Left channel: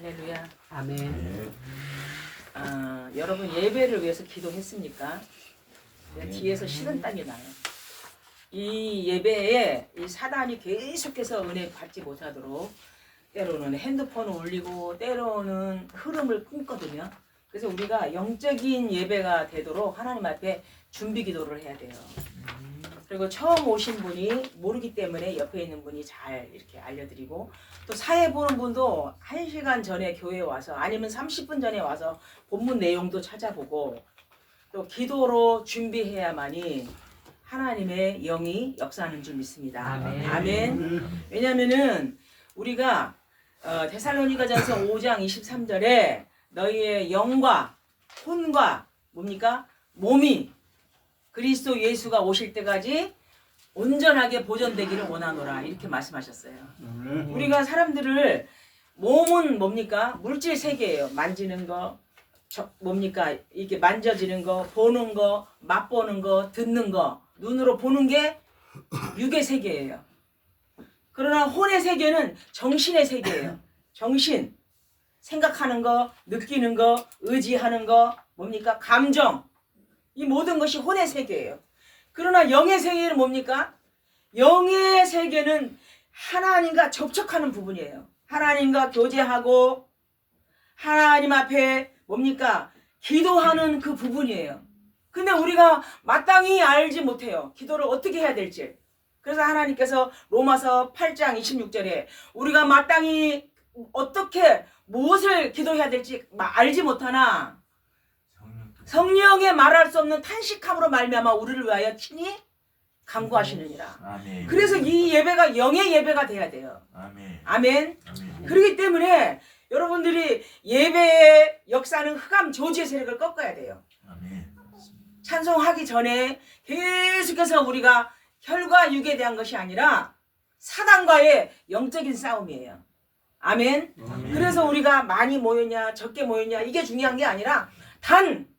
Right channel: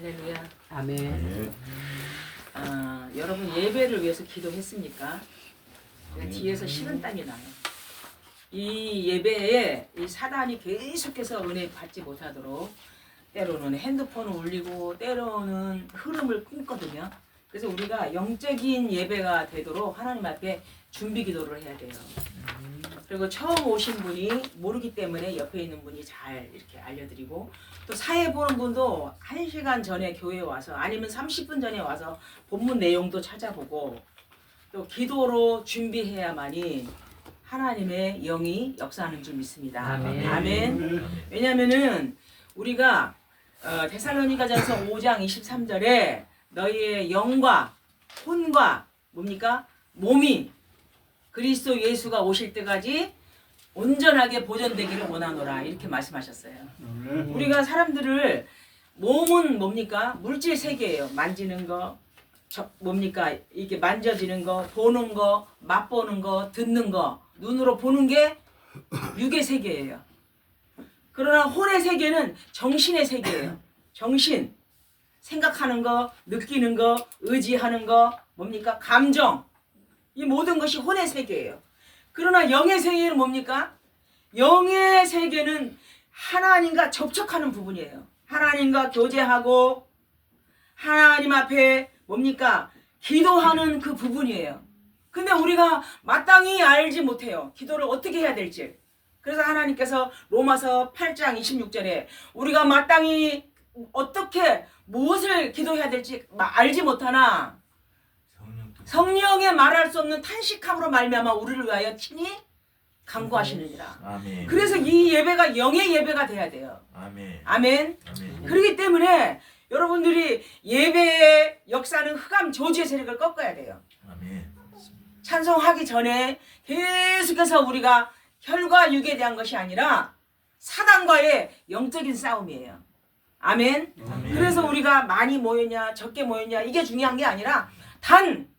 할렐루야. 아멘. 여러분 예배를 위해서 기도했습니까? 뒤에서 식은땀이 나요. 이 예배에 이 사단이 계속해서 은혜 받지 못하도록 때로는 핸드폰을 울리고 때로는 흐름을 끊거든요. 그래서 우리가 영적인 예배가 되도록 하나님 앞에 준비 기도를 해야 돼요. 그리고 처음 오신 분이 모르기 때문에 옆에 있는 분이 잘 이렇게 알려드리고, 또 사회 보는 분도 1시간 전에 교회에 와서 아니면 30분 전에 와서 본문 내용도 찾아보고 또 기도로 준비해야만이 하나님의 영이 역사하는 줄 믿습니다. 아멘. 아멘. 왜냐하면은 우리가 데살로니가전서 5장 23절에 너희의 영과 혼과 뭡니까? 몸이 그리스도 예수가 오실 때까지 온전하게 보존되기를 원하노라, 이렇게 말씀하셨어요. 우리가 사람들을, 몸은 뭡니까? 물질 세계예요. 만지는 거, 뭡니까? 이렇게 만져지는 거, 보는 거, 맛보는 거, 듣는 거, 눈으로 보는 게 육의 세계예요. 그러나 혼의 세계는 정신의 세계예요. 정신, 생각하는 거, 느끼는 거, 의지하는 거, 뭡니까? 감정, 이 모든 것이 혼의 세계예요. 그러나 영의 세계는 뭡니까? 영의 세계는 하나님과 접촉하는 부분이에요. 하나님과 교제하고 하나님 앞에 뭡니까? 기도하는 그 부분이에요. 근데 우리가 마땅히 알지 못해요. 기도를 어떻게 해야 될지. 그래서 하나님께서 로마서 8장 26절에 우리가 마땅히 어떻게 무엇을 기도해야 될지 알지 못하나 성령의 말할 수 없는 탄식함으로 말미암아 우리를 위하여 친히 간구하시느니라. 아멘. 그래서 이 예배가 영의 예배가 돼야 돼요. 아멘. 아멘. 아멘. 그렇기 때문에 여러분들이 예배의 역사는 흑암 조지의 세력을 꺾어야 돼요. 아멘. 찬송하기 전에 계속해서 우리가 혈과 육에 대한 것이 아니라 사단과의 영적인 싸움이에요. 아멘. 아멘. 그래서 우리가 많이 모였냐 적게 모였냐 이게 중요한 게 아니라 단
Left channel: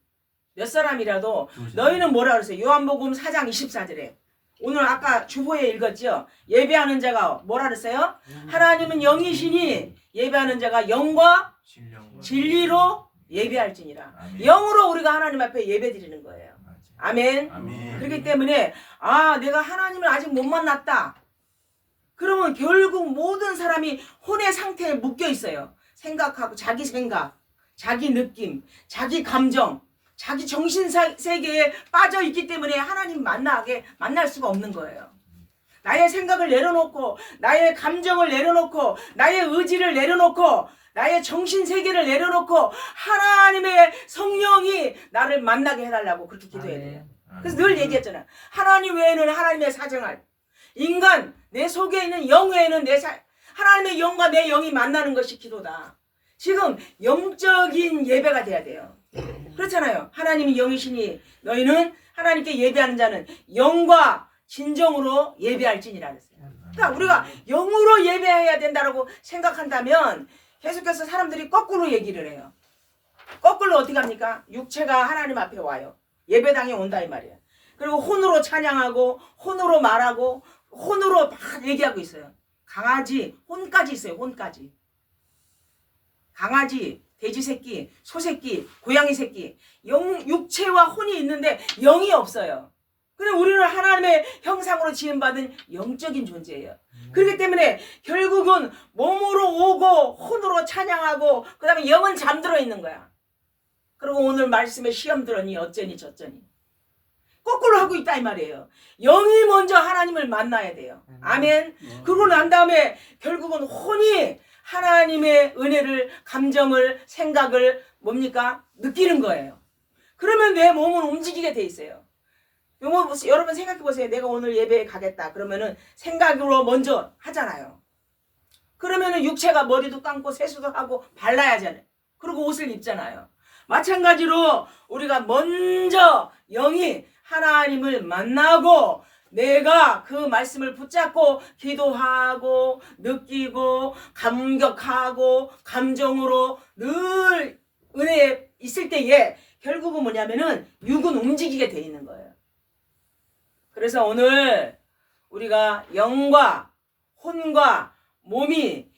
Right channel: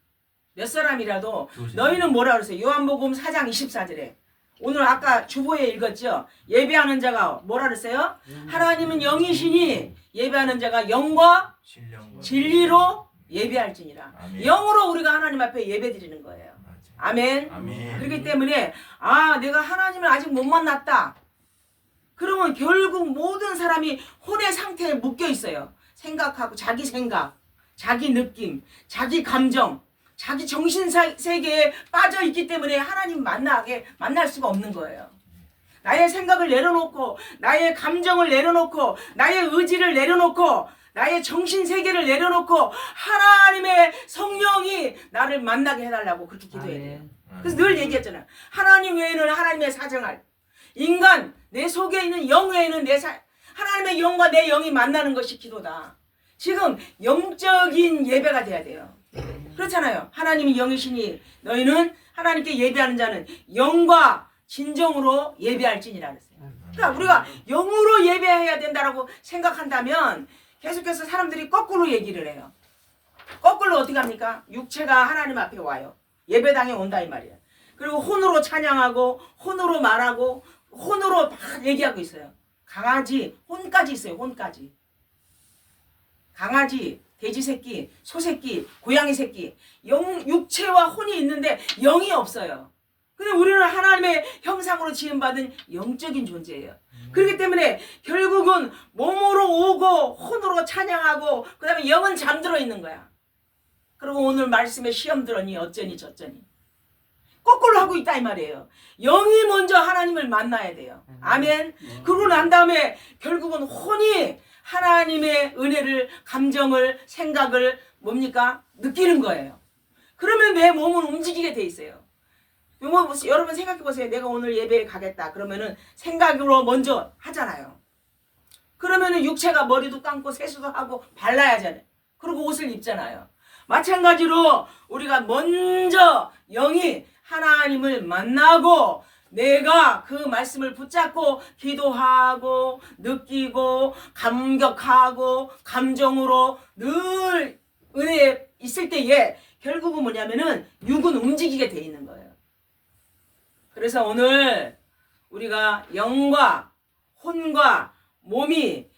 몇 사람이라도 너희는 뭐라 그랬어요? 요한복음 4장 24절에 오늘 아까 주보에 읽었죠? 예배하는 자가 뭐라 그랬어요? 하나님은 영이시니 예배하는 자가 영과 진리로 예배할지니라. 아멘. 영으로 우리가 하나님 앞에 예배 드리는 거예요. 아멘. 아멘. 그렇기 때문에 내가 하나님을 아직 못 만났다. 그러면 결국 모든 사람이 혼의 상태에 묶여 있어요. 생각하고 자기 생각, 자기 느낌, 자기 감정, 자기 정신 세계에 빠져 있기 때문에 하나님 만날 수가 없는 거예요. 나의 생각을 내려놓고 나의 감정을 내려놓고 나의 의지를 내려놓고 나의 정신 세계를 내려놓고 하나님의 성령이 나를 만나게 해달라고 그렇게 기도해야 돼요. 그래서 늘 얘기했잖아요. 하나님 외에는 하나님의 사정할, 인간 내 속에 있는 영 외에는 하나님의 영과 내 영이 만나는 것이 기도다. 지금 영적인 예배가 돼야 돼요. 그렇잖아요. 하나님이 영이시니 너희는 하나님께 예배하는 자는 영과 진정으로 예배할지니라 그랬어요. 그러니까 우리가 영으로 예배해야 된다라고 생각한다면 계속해서 사람들이 거꾸로 얘기를 해요. 거꾸로 어떻게 합니까? 육체가 하나님 앞에 와요. 예배당에 온다 이 말이에요. 그리고 혼으로 찬양하고 혼으로 말하고 혼으로 막 얘기하고 있어요. 강아지 혼까지 있어요. 혼까지. 강아지, 돼지 새끼, 소 새끼, 고양이 새끼, 육체와 혼이 있는데 영이 없어요. 근데 우리는 하나님의 형상으로 지음받은 영적인 존재예요. 그렇기 때문에 결국은 몸으로 오고 혼으로 찬양하고 그 다음에 영은 잠들어 있는 거야. 그리고 오늘 말씀에 시험 들었니 어쩌니 저쩌니 거꾸로 하고 있다 이 말이에요. 영이 먼저 하나님을 만나야 돼요. 아멘. 그러고 난 다음에 결국은 혼이 하나님의 은혜를, 감정을, 생각을 뭡니까? 느끼는 거예요. 그러면 내 몸은 움직이게 돼 있어요. 여러분 생각해 보세요. 내가 오늘 예배에 가겠다. 그러면은 생각으로 먼저 하잖아요. 그러면은 육체가 머리도 감고 세수도 하고 발라야 하잖아요. 그리고 옷을 입잖아요. 마찬가지로 우리가 먼저 영이 하나님을 만나고 내가 그 말씀을 붙잡고 기도하고 느끼고 감격하고 감정으로 늘 은혜에 있을 때에 결국은 뭐냐면은 육은 움직이게 돼 있는 거예요. 그래서 오늘 우리가 영과 혼과 몸이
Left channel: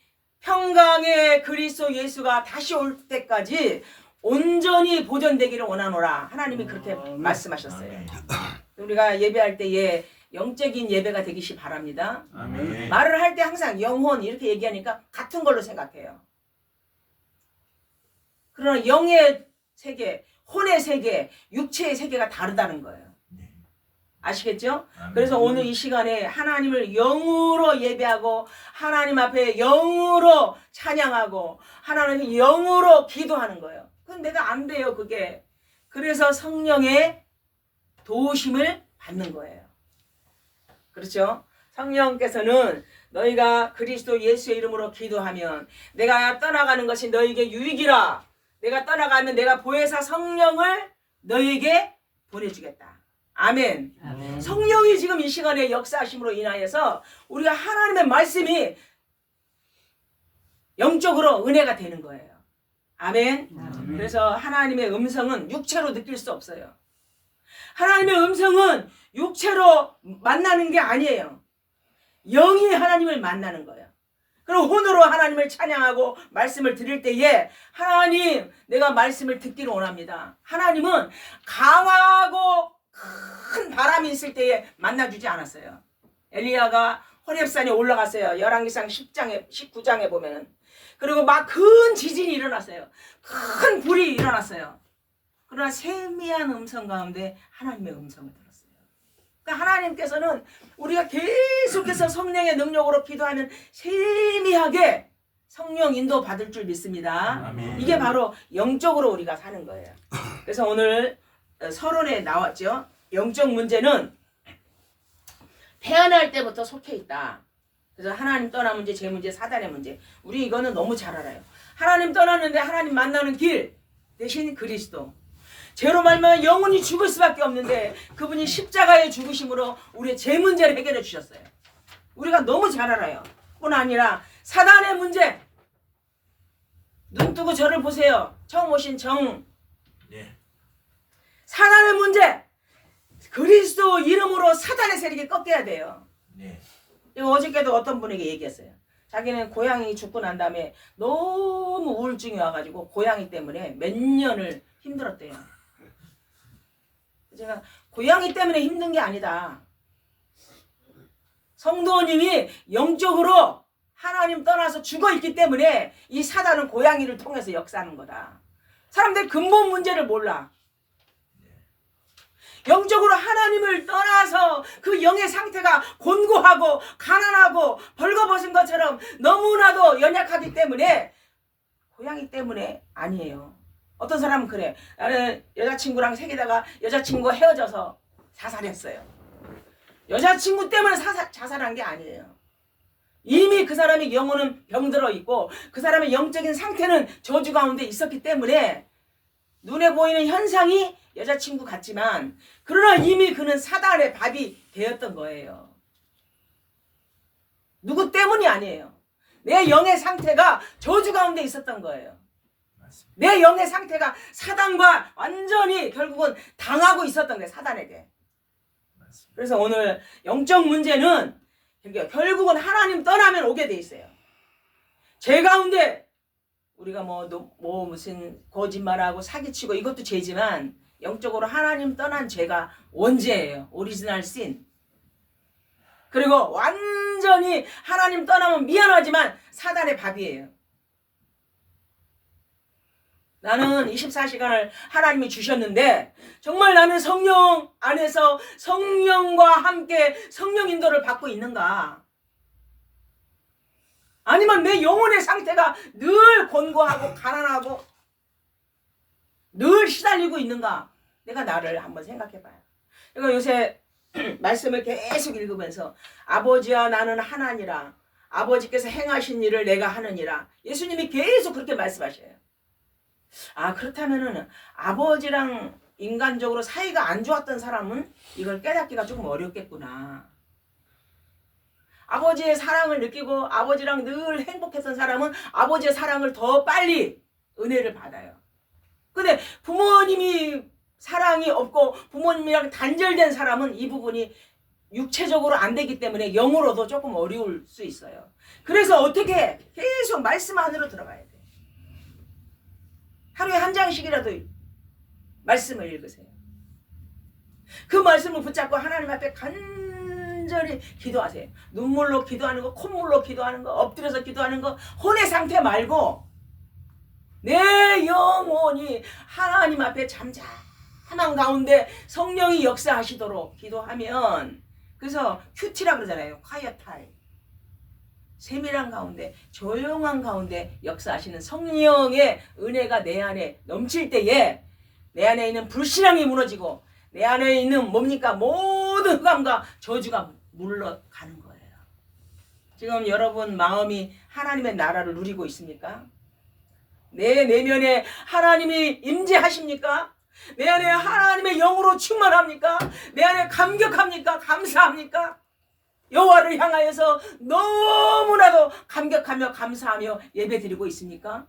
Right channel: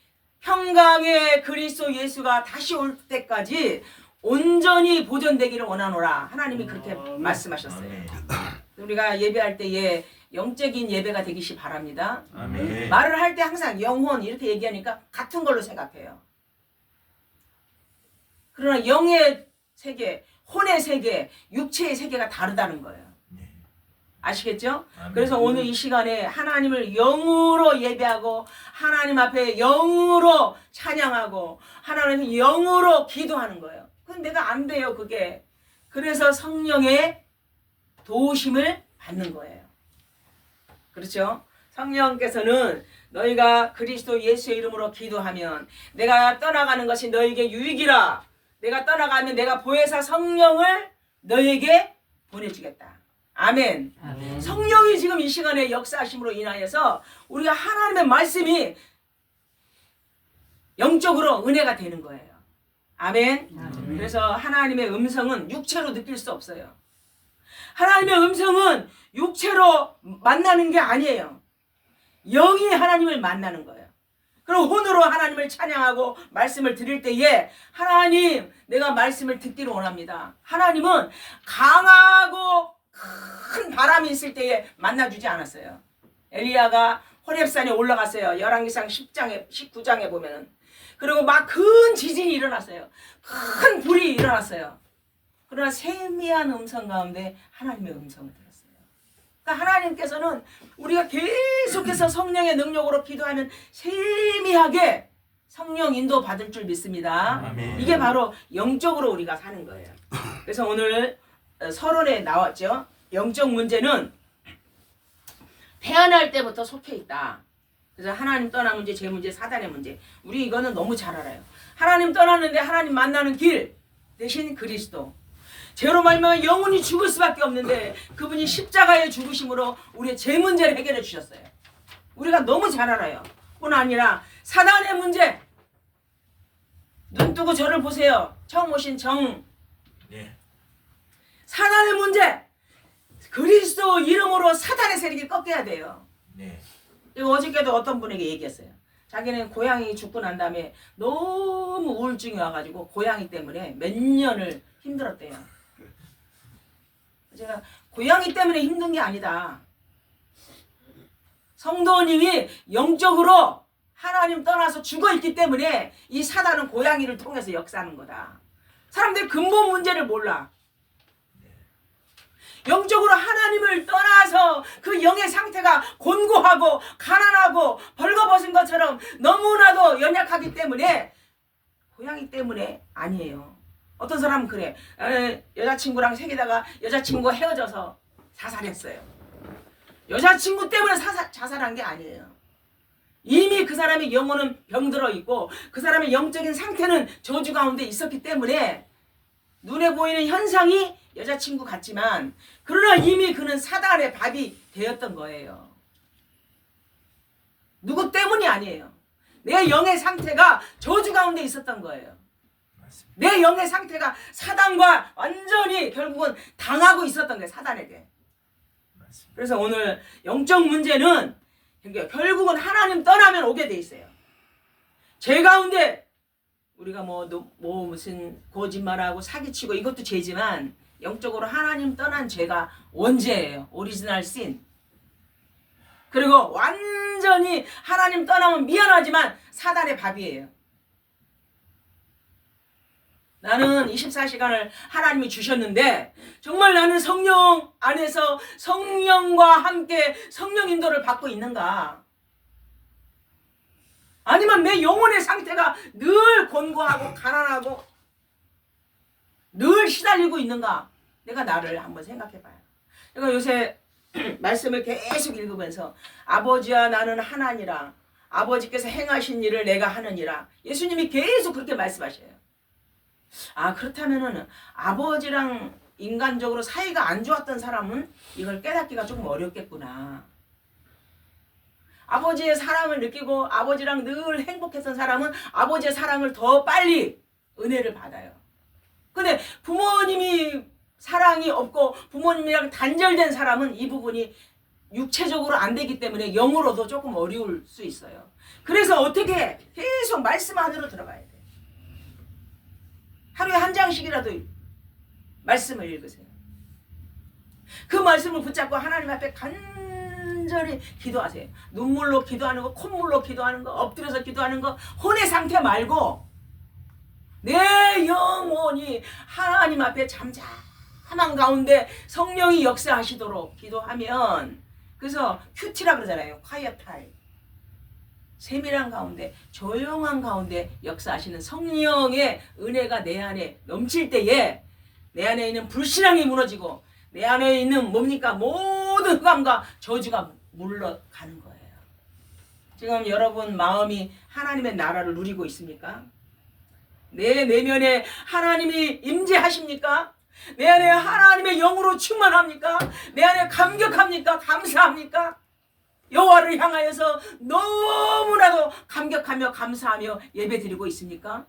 평강의 그리스도 예수가 다시 올 때까지 온전히 보존되기를 원하노라. 하나님이 그렇게 말씀하셨어요. 아멘. 우리가 예배할 때에 영적인 예배가 되기시 바랍니다. 아멘. 말을 할 때 항상 영혼 이렇게 얘기하니까 같은 걸로 생각해요. 그러나 영의 세계, 혼의 세계, 육체의 세계가 다르다는 거예요. 네. 아시겠죠? 아멘. 그래서 오늘 이 시간에 하나님을 영으로 예배하고 하나님 앞에 영으로 찬양하고 하나님의 영으로 기도하는 거예요. 그건 내가 안 돼요, 그게. 그래서 성령의 도우심을 받는 거예요. 그렇죠? 성령께서는 너희가 그리스도 예수의 이름으로 기도하면 내가 떠나가는 것이 너에게 유익이라. 내가 떠나가면 내가 보혜사 성령을 너에게 보내주겠다. 아멘. 아멘. 성령이 지금 이 시간에 역사하심으로 인하여서 우리가 하나님의 말씀이 영적으로 은혜가 되는 거예요. 아멘. 아멘. 그래서 하나님의 음성은 육체로 느낄 수 없어요. 하나님의 음성은 육체로 만나는 게 아니에요. 영이 하나님을 만나는 거예요. 그럼 혼으로 하나님을 찬양하고 말씀을 드릴 때에 하나님 내가 말씀을 듣기를 원합니다. 하나님은 강하고 큰 바람이 있을 때에 만나주지 않았어요. 엘리야가 호렙산에 올라갔어요. 열왕기상 10장에 19장에 보면은. 그리고 막 큰 지진이 일어났어요. 큰 불이 일어났어요. 그러나 세미한 음성 가운데 하나님의 음성을 들었어요. 그러니까 하나님께서는 우리가 계속해서 성령의 능력으로 기도하면 세미하게 성령 인도 받을 줄 믿습니다. 아멘. 이게 바로 영적으로 우리가 사는 거예요. 그래서 오늘 서론에 나왔죠. 영적 문제는 태어날 때부터 속해 있다. 그래서 하나님 떠난 문제, 제 문제, 사단의 문제. 우리 이거는 너무 잘 알아요. 하나님 떠났는데 하나님 만나는 길 대신 그리스도. 죄로 말미암아 영혼이 죽을 수밖에 없는데 그분이 십자가의 죽으심으로 우리의 죄 문제를 해결해 주셨어요. 우리가 너무 잘 알아요. 뿐 아니라 사단의 문제. 눈 뜨고 저를 보세요. 처음 오신 정. 네. 사단의 문제. 그리스도 이름으로 사단의 세력이 꺾여야 돼요. 네. 이거 어저께도 어떤 분에게 얘기했어요. 자기는 고양이 죽고 난 다음에 너무 우울증이 와가지고 고양이 때문에 몇 년을 힘들었대요. 제가 고양이 때문에 힘든 게 아니다. 성도님이 영적으로 하나님 떠나서 죽어있기 때문에 이 사단은 고양이를 통해서 역사하는 거다. 사람들이 근본 문제를 몰라. 영적으로 하나님을 떠나서 그 영의 상태가 곤고하고 가난하고 벌거벗은 것처럼 너무나도 연약하기 때문에 고양이 때문에 아니에요. 어떤 사람은 그래. 여자친구랑 사귀다가 여자친구가 헤어져서 자살했어요. 여자친구 때문에 자살한 게 아니에요. 이미 그 사람의 영혼은 병들어 있고 그 사람의 영적인 상태는 저주 가운데 있었기 때문에 눈에 보이는 현상이 여자친구 같지만 그러나 이미 그는 사단의 밥이 되었던 거예요. 누구 때문이 아니에요. 내 영의 상태가 저주 가운데 있었던 거예요. 내 영의 상태가 사단과 완전히 결국은 당하고 있었던 거예요. 사단에게. 그래서 오늘 영적 문제는 결국은 하나님 떠나면 오게 돼 있어요. 죄 가운데 우리가 무슨 거짓말하고 사기치고 이것도 죄지만 영적으로 하나님 떠난 죄가 원죄예요. 오리지널 신. 그리고 완전히 하나님 떠나면 미안하지만 사단의 밥이에요. 나는 24시간을 하나님이 주셨는데 정말 나는 성령 안에서 성령과 함께 성령 인도를 받고 있는가? 아니면 내 영혼의 상태가 늘 곤고하고 가난하고 늘 시달리고 있는가? 내가 나를 한번 생각해봐요. 그러니까 요새 말씀을 계속 읽으면서 아버지와 나는 하나니라. 아버지께서 행하신 일을 내가 하느니라. 예수님이 계속 그렇게 말씀하셔요. 아, 그렇다면은 아버지랑 인간적으로 사이가 안 좋았던 사람은 이걸 깨닫기가 조금 어렵겠구나. 아버지의 사랑을 느끼고 아버지랑 늘 행복했던 사람은 아버지의 사랑을 더 빨리 은혜를 받아요. 근데 부모님이 사랑이 없고 부모님이랑 단절된 사람은 이 부분이 육체적으로 안 되기 때문에 영으로도 조금 어려울 수 있어요. 그래서 어떻게 계속 말씀 안으로 들어가야 돼. 하루에 한 장씩이라도 말씀을 읽으세요. 그 말씀을 붙잡고 하나님 앞에 간절히 기도하세요. 눈물로 기도하는 거, 콧물로 기도하는 거, 엎드려서 기도하는 거, 혼의 상태 말고 내 영혼이 하나님 앞에 잠잠한 가운데 성령이 역사하시도록 기도하면, 그래서 큐티라 그러잖아요. quiet time. 세밀한 가운데, 조용한 가운데 역사하시는 성령의 은혜가 내 안에 넘칠 때에 내 안에 있는 불신앙이 무너지고 내 안에 있는 뭡니까? 모든 흑암과 저주가 물러가는 거예요. 지금 여러분 마음이 하나님의 나라를 누리고 있습니까? 내 내면에 하나님이 임재하십니까? 내 안에 하나님의 영으로 충만합니까? 내 안에 감격합니까? 감사합니까? 여호와를 향하여서 너무나도 감격하며 감사하며 예배드리고 있습니까?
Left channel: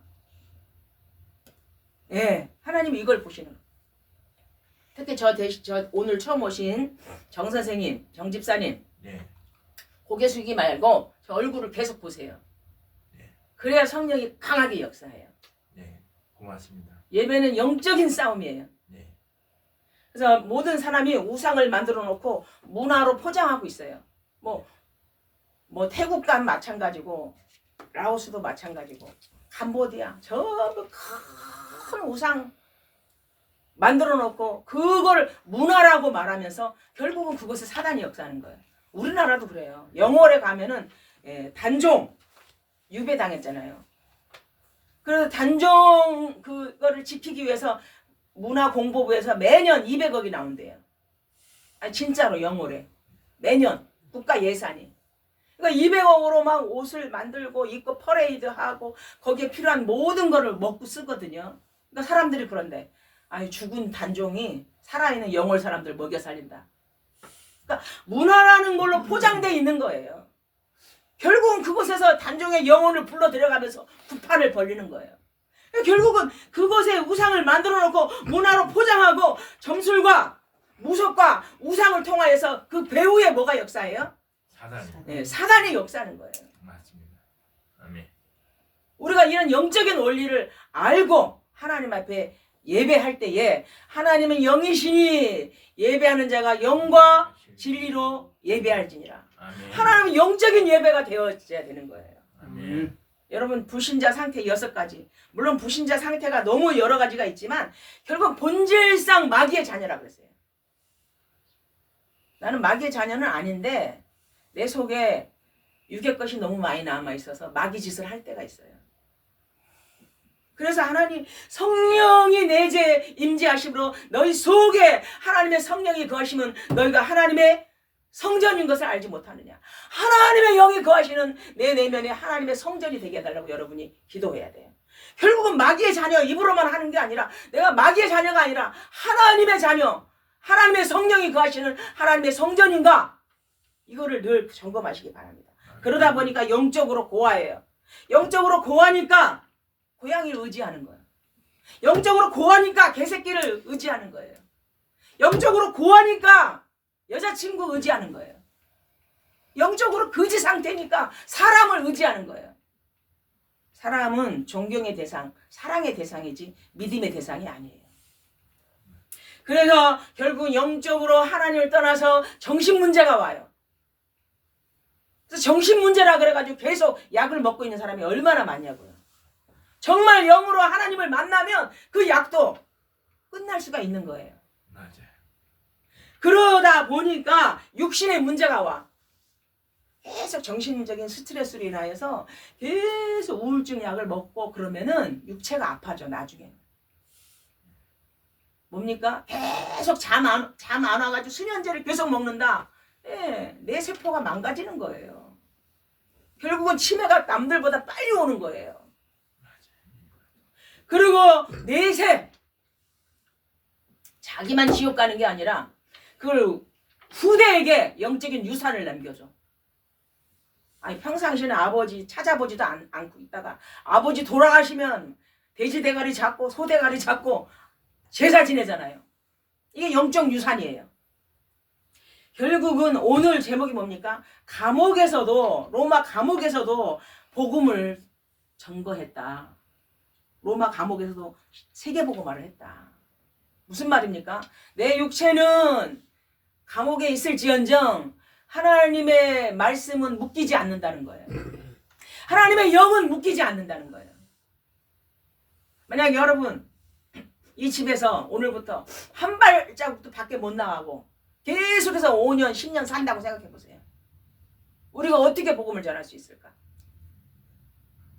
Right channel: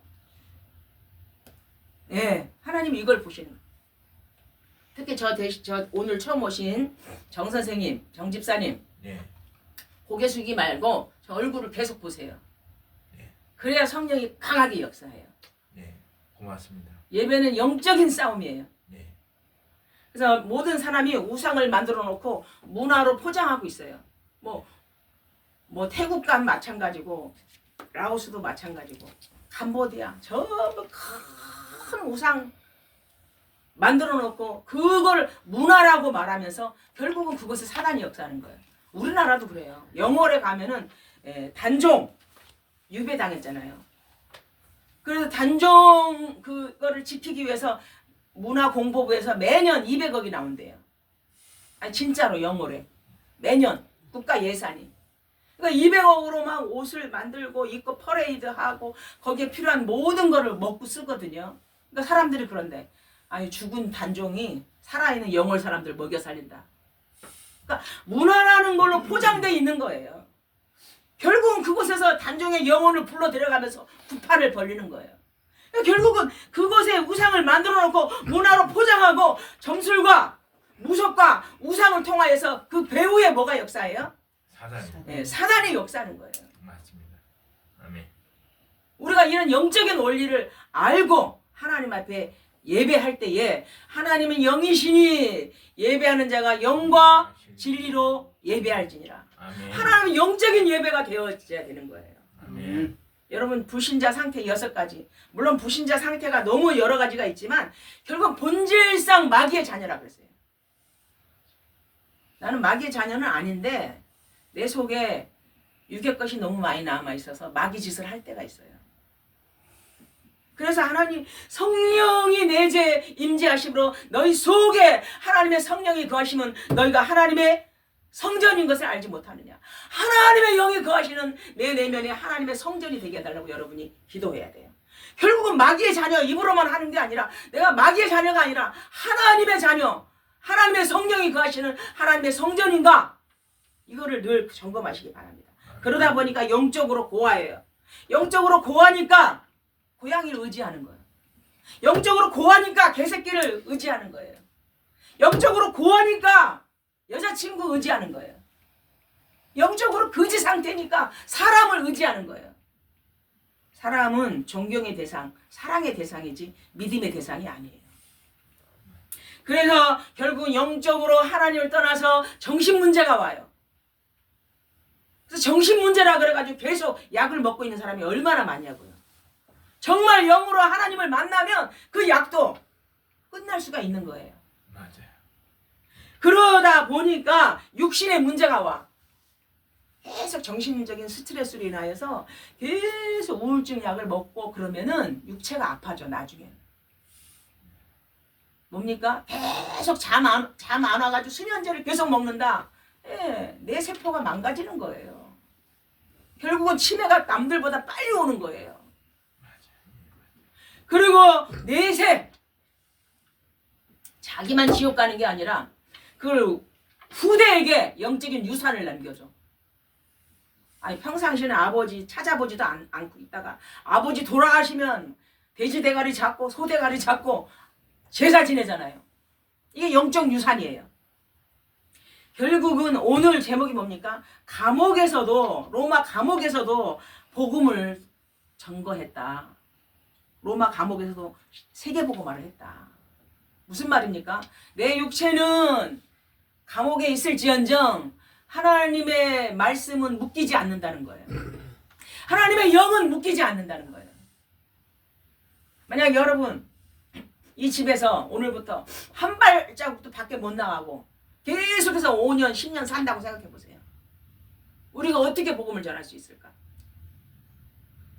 네, 하나님이 이걸 보시는 거예요. 특히 저 오늘 처음 오신 정 선생님, 정 집사님, 네. 고개 숙이지 말고 저 얼굴을 계속 보세요. 네. 그래야 성령이 강하게 역사해요. 네, 고맙습니다. 예배는 영적인 싸움이에요. 네. 그래서 모든 사람이 우상을 만들어 놓고 문화로 포장하고 있어요. 뭐 태국과 마찬가지고 라오스도 마찬가지고 캄보디아 전부 큰 우상 만들어 놓고 그걸 문화라고 말하면서 결국은 그것을 사단이 역사하는 거예요. 우리나라도 그래요. 영월에 가면은 단종 유배당했잖아요. 그래서 단종 그거를 지키기 위해서 문화공보부에서 매년 200억이 나온대요. 아니 진짜로 영월에 매년 국가 예산이. 그러니까 200억으로 막 옷을 만들고 입고 퍼레이드하고 거기에 필요한 모든 거를 먹고 쓰거든요. 그러니까 사람들이 그런데 아니 죽은 단종이 살아있는 영월 사람들 먹여 살린다. 그러니까 문화라는 걸로 포장되어 있는 거예요. 결국은 그곳에서 단종의 영혼을 불러 들여가면서 구판을 벌리는 거예요. 그러니까 결국은 그곳에 우상을 만들어 놓고 문화로 포장하고 점술과 무속과 우상을 통하여서 그 배후에 뭐가 역사해요? 사단이. 네, 사단이 역사하는 거예요. 맞습니다. 아멘. 우리가 이런 영적인 원리를 알고 하나님 앞에 예배할 때에 하나님은 영이시니 예배하는 자가 영과 진리로 예배할지니라. 아멘. 하나님은 영적인 예배가 되어져야 되는 거예요. 아멘. 여러분 불신자 상태 6가지. 물론 불신자 상태가 너무 여러 가지가 있지만 결국 본질상 마귀의 자녀라 그랬어요. 나는 마귀의 자녀는 아닌데 내 속에 육의 것이 너무 많이 남아 있어서 마귀 짓을 할 때가 있어요. 그래서 하나님 성령이 내재 임재하심으로 너희 속에 하나님의 성령이 거하시면 너희가 하나님의 성전인 것을 알지 못하느냐. 하나님의 영이 거하시는 내 내면에 하나님의 성전이 되게 해달라고 여러분이 기도해야 돼요. 결국은 마귀의 자녀 입으로만 하는 게 아니라 내가 마귀의 자녀가 아니라 하나님의 자녀, 하나님의 성령이 거하시는 하나님의 성전인가, 이거를 늘 점검하시기 바랍니다. 그러다 보니까 영적으로 고아예요. 영적으로 고아니까 고양이를 의지하는 거예요. 영적으로 고아니까 개새끼를 의지하는 거예요. 영적으로 고아니까 여자친구 의지하는 거예요. 영적으로 거지 상태니까 사람을 의지하는 거예요. 사람은 존경의 대상, 사랑의 대상이지 믿음의 대상이 아니에요. 그래서 결국 영적으로 하나님을 떠나서 정신 문제가 와요. 그래서 정신 문제라 그래가지고 계속 약을 먹고 있는 사람이 얼마나 많냐고요. 정말 영으로 하나님을 만나면 그 약도 끝날 수가 있는 거예요. 맞아요. 그러다 보니까 육신의 문제가 와. 계속 정신적인 스트레스로 인하여서 계속 우울증 약을 먹고 그러면은 육체가 아파져 나중에는. 뭡니까? 계속 잠 안 와가지고 수면제를 계속 먹는다. 예, 내 세포가 망가지는 거예요. 결국은 치매가 남들보다 빨리 오는 거예요. 그리고 내세 자기만 지옥 가는 게 아니라 그걸 후대에게 영적인 유산을 남겨줘. 아니 평상시에는 아버지 찾아보지도 않고 있다가 아버지 돌아가시면 돼지 대가리 잡고 소 대가리 잡고 제사 지내잖아요. 이게 영적 유산이에요. 결국은 오늘 제목이 뭡니까? 감옥에서도 로마 감옥에서도 복음을 전거했다. 로마 감옥에서도 세계복음화를 했다. 무슨 말입니까? 내 육체는 감옥에 있을지언정 하나님의 말씀은 묶이지 않는다는 거예요. 하나님의 영은 묶이지 않는다는 거예요. 만약 여러분 이 집에서 오늘부터 한 발자국도 밖에 못 나가고 계속해서 5년, 10년 산다고 생각해 보세요. 우리가 어떻게 복음을 전할 수 있을까?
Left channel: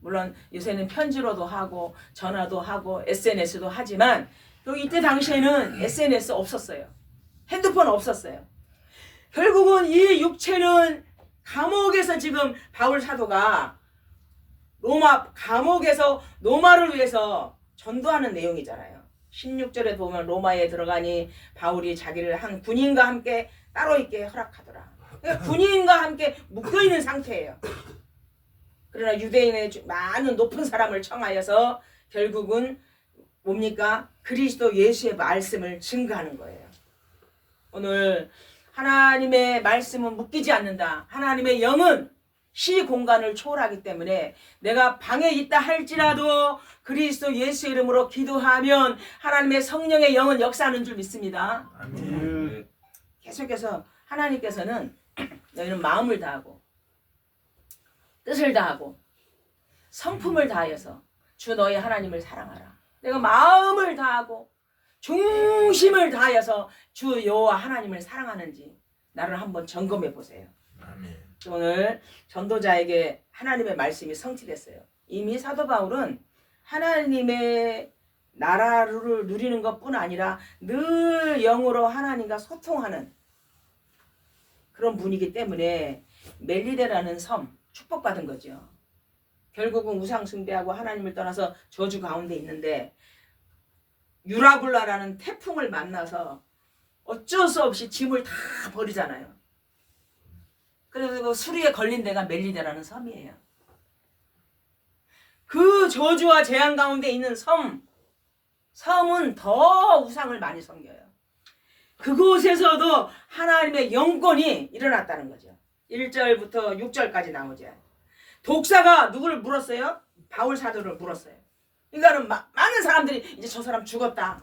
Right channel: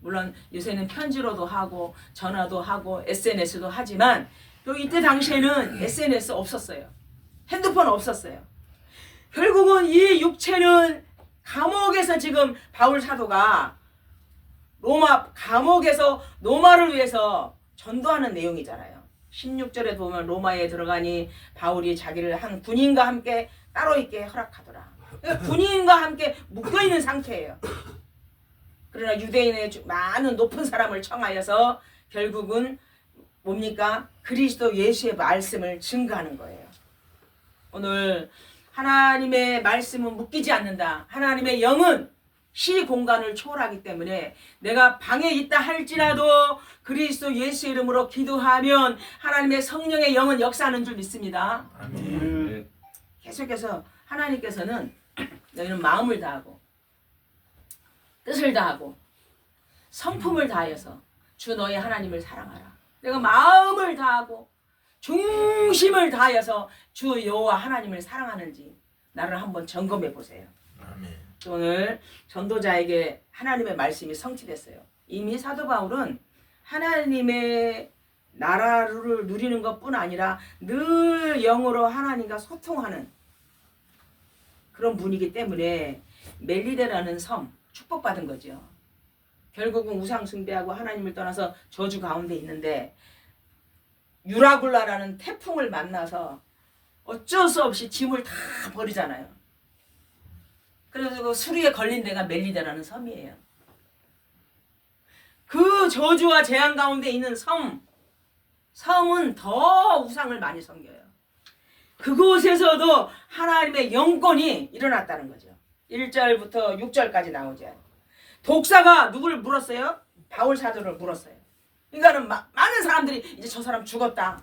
물론 요새는 편지로도 하고 전화도 하고 SNS도 하지만 또 이때 당시에는 SNS 없었어요. 핸드폰 없었어요. 결국은 이 육체는 감옥에서 지금 바울 사도가 로마 감옥에서 노마를 위해서 전도하는 내용이잖아요. 16절에 보면 로마에 들어가니 바울이 자기를 한 군인과 함께 따로 있게 허락하더라. 그러니까 군인과 함께 묶여있는 상태예요. 그러나 유대인의 많은 높은 사람을 청하여서 결국은 뭡니까? 그리스도 예수의 말씀을 증거하는 거예요. 오늘 하나님의 말씀은 묶이지 않는다. 하나님의 영은 시 공간을 초월하기 때문에 내가 방에 있다 할지라도 그리스도 예수 이름으로 기도하면 하나님의 성령의 영은 역사하는 줄 믿습니다. 아멘. 계속해서 하나님께서는 너희는 마음을 다하고 뜻을 다하고 성품을 다하여서 주 너희 하나님을 사랑하라. 내가 마음을 다하고 중심을 다하여서 주 여호와 하나님을 사랑하는지 나를 한번 점검해 보세요. 아멘. 오늘 전도자에게 하나님의 말씀이 성취됐어요. 이미 사도 바울은 하나님의 나라를 누리는 것뿐 아니라 늘 영으로 하나님과 소통하는 그런 분이기 때문에 멜리데라는 섬 축복받은 거죠. 결국은 우상 숭배하고 하나님을 떠나서 저주 가운데 있는데 유라굴라라는 태풍을 만나서 어쩔 수 없이 짐을 다 버리잖아요. 그래서 수리에 걸린 데가 멜리데라는 섬이에요. 그 저주와 재앙 가운데 있는 섬은 더 우상을 많이 섬겨요. 그곳에서도 하나님의 영권이 일어났다는 거죠. 1절부터 6절까지 나오죠. 독사가 누구를 물었어요? 바울 사도를 물었어요. 그러니까는 많은 사람들이 이제 저 사람 죽었다.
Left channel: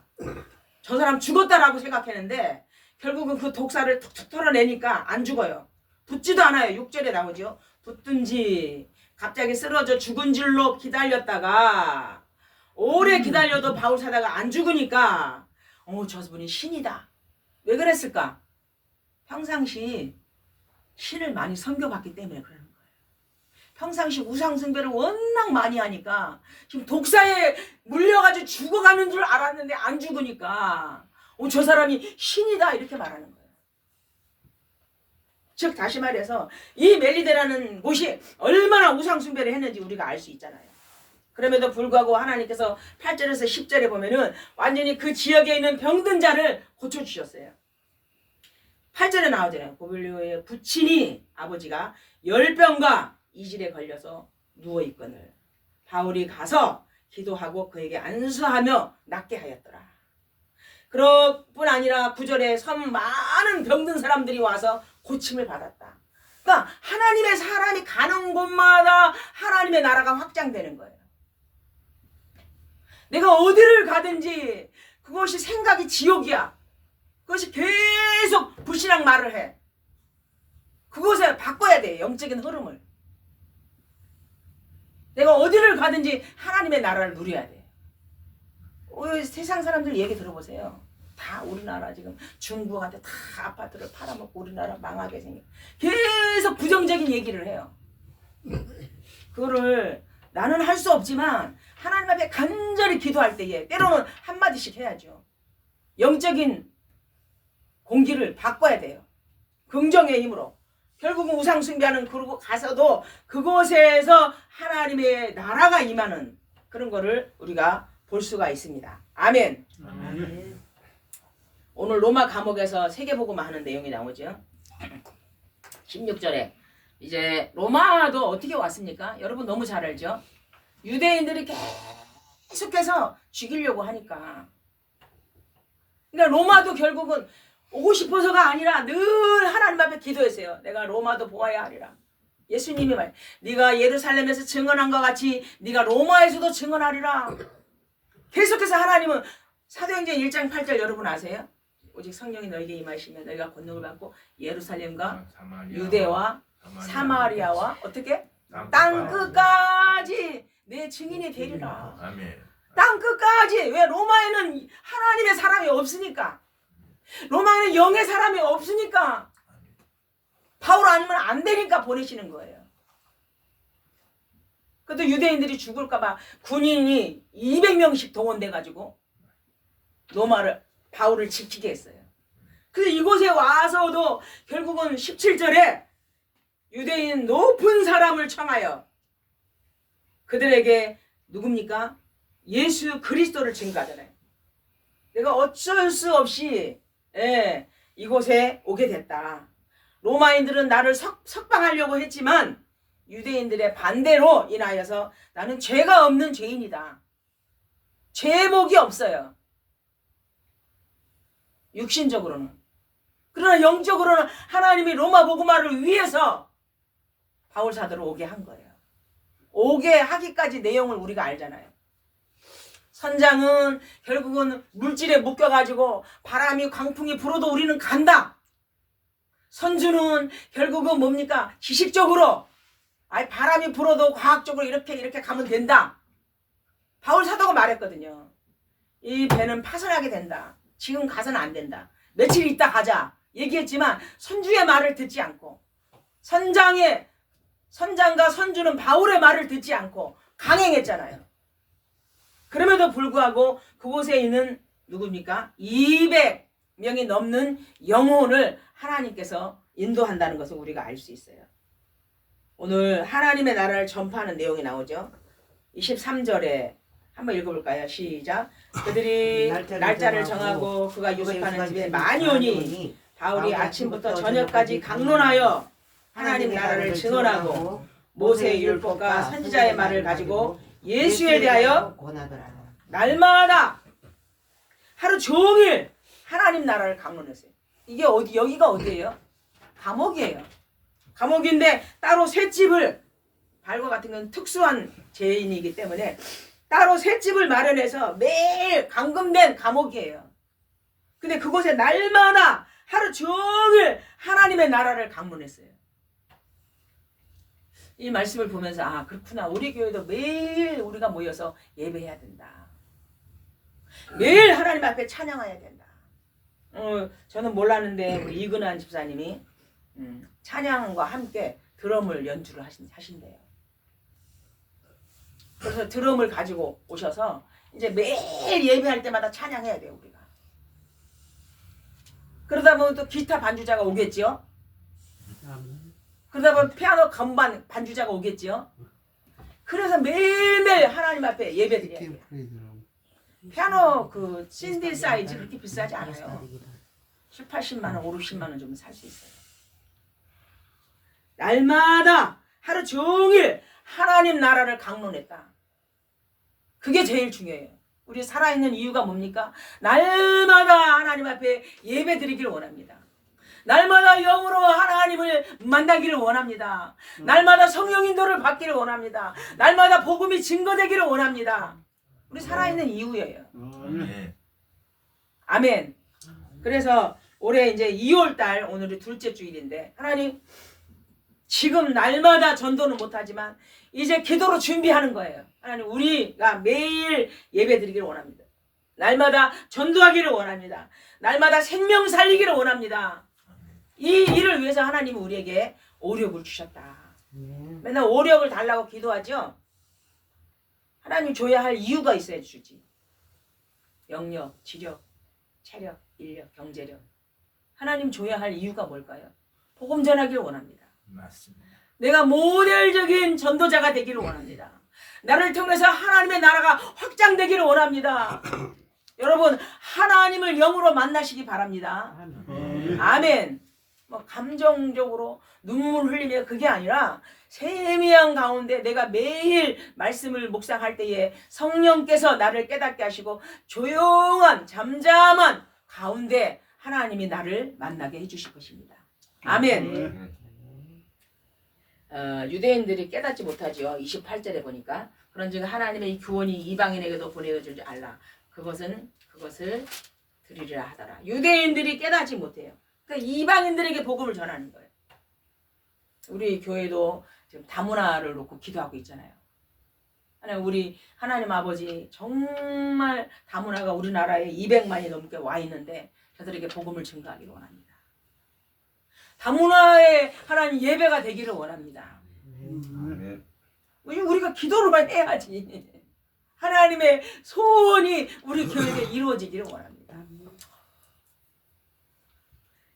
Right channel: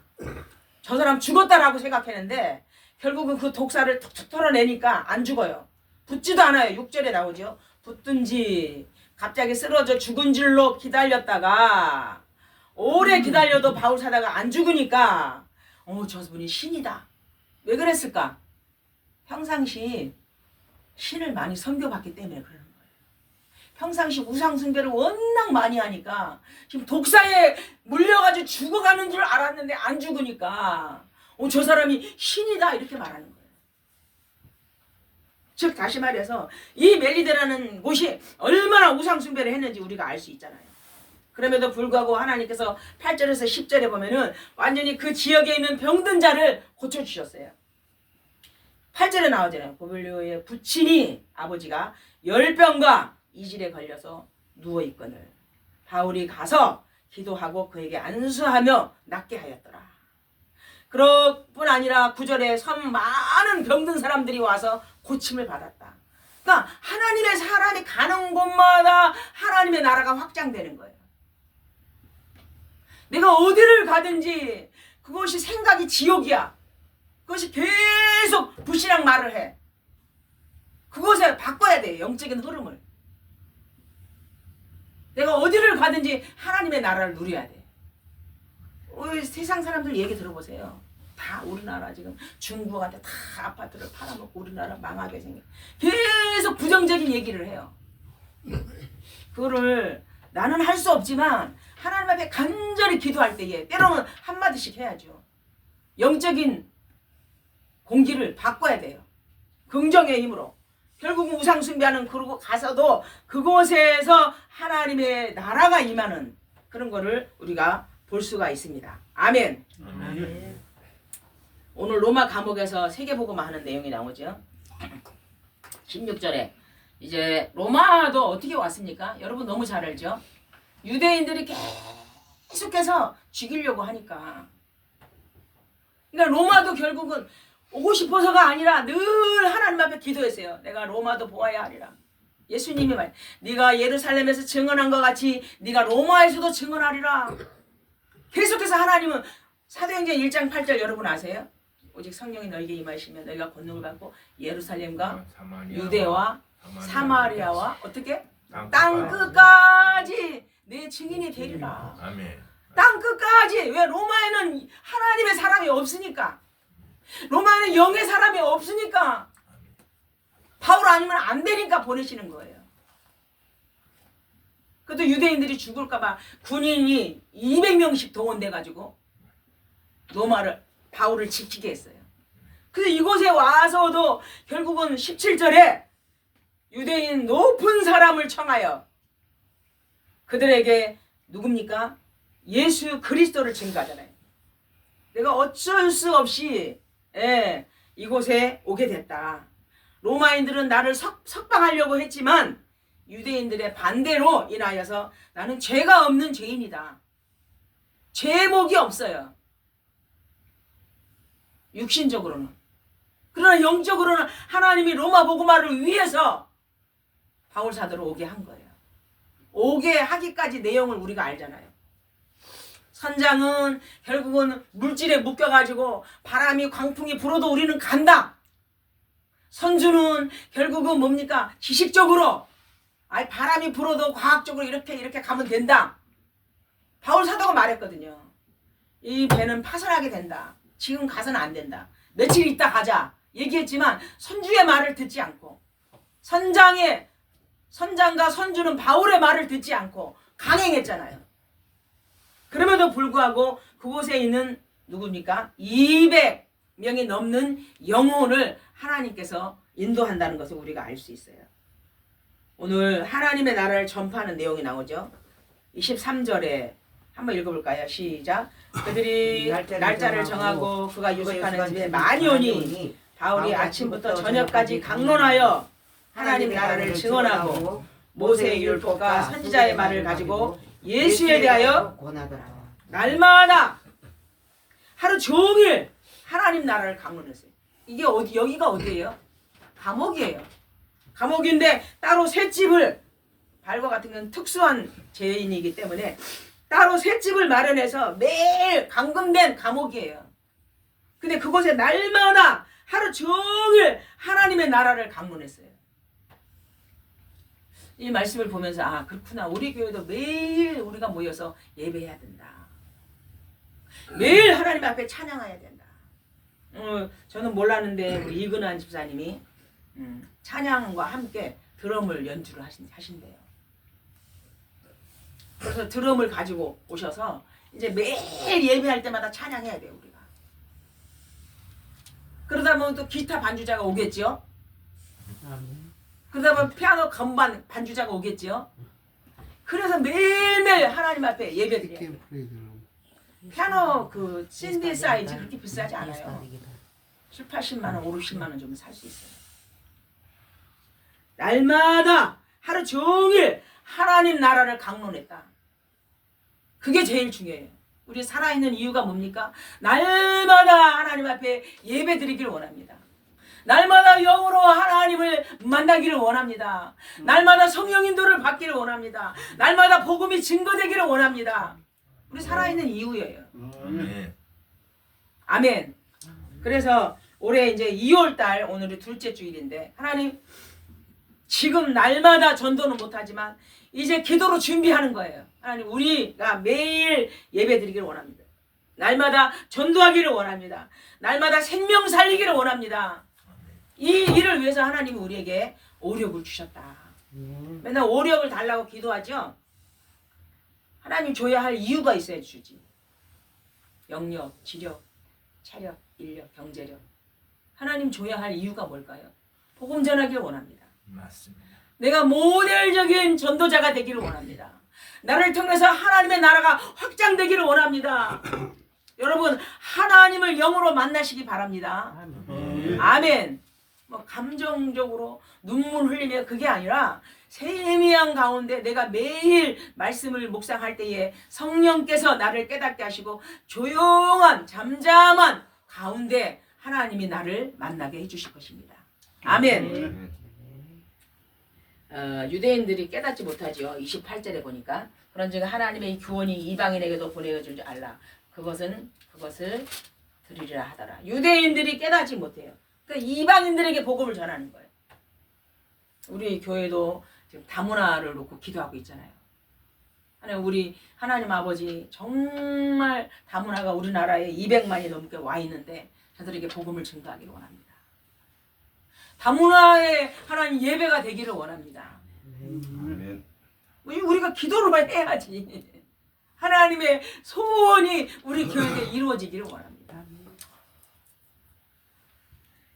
저 사람 죽었다라고 생각했는데 결국은 그 독사를 툭툭 털어내니까 안 죽어요. 붙지도 않아요. 6절에 나오죠. 붙든지 갑자기 쓰러져 죽은 줄로 기다렸다가 오래 기다려도 바울 사다가 안 죽으니까 저분이 신이다. 왜 그랬을까? 평상시 신을 많이 섬겨봤기 때문에 그러는 거예요. 평상시 우상 숭배를 워낙 많이 하니까 지금 독사에 물려가지고 죽어가는 줄 알았는데 안 죽으니까 저 사람이 신이다 이렇게 말하는 거예요. 즉 다시 말해서 이 멜리데라는 곳이 얼마나 우상 숭배를 했는지 우리가 알 수 있잖아요. 그럼에도 불구하고 하나님께서 8절에서 10절에 보면은 완전히 그 지역에 있는 병든 자를 고쳐주셨어요. 8절에 나오잖아요. 고블리오의 부친이 아버지가 열병과 이질에 걸려서 누워있거늘 바울이 가서 기도하고 그에게 안수하며 낫게 하였더라. 그럴 뿐 아니라 9절에 섬 많은 병든 사람들이 와서 고침을 받았다. 그러니까 하나님의 사람이 가는 곳마다 하나님의 나라가 확장되는 거예요. 내가 어디를 가든지 그것이 생각이 지옥이야. 그것이 계속 불신앙 말을 해. 그것에 바꿔야 돼. 영적인 흐름을. 내가 어디를 가든지 하나님의 나라를 누려야 돼. 세상 사람들 얘기 들어보세요. 다 우리나라 지금 중국한테 다 아파트를 팔아먹고 우리나라 망하게 생겨. 계속 부정적인 얘기를 해요. 그거를 나는 할 수 없지만 하나님 앞에 간절히 기도할 때에 때로는 한마디씩 해야죠. 영적인 공기를 바꿔야 돼요. 긍정의 힘으로. 결국은 우상 숭배하는 그러고 가서도 그곳에서 하나님의 나라가 임하는 그런 거를 우리가 볼 수가 있습니다. 아멘. 아멘. 오늘 로마 감옥에서 세계복음화 하는 내용이 나오죠. 16절에 이제 로마도 어떻게 왔습니까? 여러분 너무 잘 알죠? 유대인들이 계속해서 죽이려고 하니까. 그러니까 로마도 결국은 오고 싶어서가 아니라 늘 하나님 앞에 기도했어요. 내가 로마도 보아야 하리라. 예수님이 말, 네가 예루살렘에서 증언한 것 같이 네가 로마에서도 증언하리라. 계속해서 하나님은 사도행전 1장 8절 여러분 아세요? 오직 성령이 너에게 임하시면 너희가 권능을 받고 예루살렘과 유대와 사마리아와 어떻게? 땅 끝까지 내 증인이 되리라. 아멘. 땅 끝까지. 왜? 로마에는 하나님의 사람이 없으니까. 로마에는 영의 사람이 없으니까. 바울 아니면 안 되니까 보내시는 거예요. 그래도 유대인들이 죽을까봐 군인이 200명씩 동원돼가지고 로마를 바울을 지키게 했어요. 그래서 이곳에 와서도 결국은 17절에 유대인 높은 사람을 청하여 그들에게 누굽니까? 예수 그리스도를 증거하잖아요. 내가 어쩔 수 없이 이곳에 오게 됐다. 로마인들은 나를 석방하려고 했지만 유대인들의 반대로 인하여서 나는 죄가 없는 죄인이다. 죄목이 없어요. 육신적으로는. 그러나 영적으로는 하나님이 로마 복음화를 위해서 바울 사도를 오게 한 거예요. 오게 하기까지 내용을 우리가 알잖아요. 선장은 결국은 물질에 묶여가지고 바람이 광풍이 불어도 우리는 간다. 선주는 결국은 뭡니까? 지식적으로 바람이 불어도 과학적으로 이렇게 가면 된다. 바울 사도가 말했거든요. 이 배는 파손하게 된다. 지금 가서는 안 된다. 며칠 있다 가자. 얘기했지만 선주의 말을 듣지 않고 선장과 선주는 바울의 말을 듣지 않고 강행했잖아요. 그럼에도 불구하고 그곳에 있는 누굽니까? 200명이 넘는 영혼을 하나님께서 인도한다는 것을 우리가 알 수 있어요. 오늘 하나님의 나라를 전파하는 내용이 나오죠. 23절에 한번 읽어볼까요? 시작. 그들이 날짜를 정하고 그가 유숙하는 집에 많이 오니 바울이 아침부터 저녁까지 강론하여 하나님 나라를 증언하고 모세의 율법과 선지자의 말을 가지고 예수에 대하여 날마다 하루 종일 하나님 나라를 강론했어요. 이게 여기가 어디예요? 감옥이에요. 감옥인데 따로 셋집을, 발과 같은 건 특수한 죄인이기 때문에 따로 셋집을 마련해서 매일 감금된 감옥이에요. 근데 그곳에 날마다 하루 종일 하나님의 나라를 강론했어요. 이 말씀을 보면서 그렇구나. 우리 교회도 매일 우리가 모여서 예배해야 된다. 매일 하나님 앞에 찬양해야 된다. 저는 몰랐는데 우리 이근환 집사님이 찬양과 함께 드럼을 연주를 하신대요. 그래서 드럼을 가지고 오셔서 이제 매일 예배할 때마다 찬양해야 돼요, 우리가. 그러다 보면 또 기타 반주자가 오겠죠. 그러다 보면 피아노 건반 반주자가 오겠죠. 그래서 매일매일 하나님 앞에 예배드려야 돼요. 피아노 그 신디 사이즈 그렇게 비싸지 않아요. 7, 80만 원, 5, 60만 원 좀 살 수 있어요. 날마다 하루 종일 하나님 나라를 강론했다. 그게 제일 중요해요. 우리 살아있는 이유가 뭡니까? 날마다 하나님 앞에 예배드리기를 원합니다. 날마다 영으로 하나님을 만나기를 원합니다. 날마다 성령 인도를 받기를 원합니다. 날마다 복음이 증거되기를 원합니다. 우리 살아있는 이유예요. 아멘. 그래서 올해 이제 2월달 오늘이 둘째 주일인데 하나님 지금 날마다 전도는 못하지만 이제 기도로 준비하는 거예요. 하나님 우리가 매일 예배드리기를 원합니다. 날마다 전도하기를 원합니다. 날마다 생명 살리기를 원합니다. 이 일을 위해서 하나님은 우리에게 오력을 주셨다. 맨날 오력을 달라고 기도하죠. 하나님 줘야 할 이유가 있어야 주지. 영력, 지력, 체력, 인력, 경제력. 하나님 줘야 할 이유가 뭘까요? 복음 전하기를 원합니다. 맞습니다. 내가 모델적인 전도자가 되기를 원합니다. 나를 통해서 하나님의 나라가 확장되기를 원합니다. 여러분 하나님을 영으로 만나시기 바랍니다. 아멘. 뭐 감정적으로 눈물 흘리며 그게 아니라 세미한 가운데 내가 매일 말씀을 묵상할 때에 성령께서 나를 깨닫게 하시고 조용한 잠잠한 가운데 하나님이 나를 만나게 해주실 것입니다. 아멘. 유대인들이 깨닫지 못하죠. 28절에 보니까 그런즉 하나님의 구원이 이방인에게도 보내줄 줄 알라. 그것을 드리리라 하더라. 유대인들이 깨닫지 못해요. 그러니까 이방인들에게 복음을 전하는 거예요. 우리 교회도 지금 다문화를 놓고 기도하고 있잖아요. 우리 하나님 아버지 정말 다문화가 우리나라에 200만이 넘게 와 있는데 저들에게 복음을 증거하기를 원합니다. 다문화에 하나님 예배가 되기를 원합니다. 아멘. 우리가 기도로만 해야지. 하나님의 소원이 우리 교회에 이루어지기를 원합니다.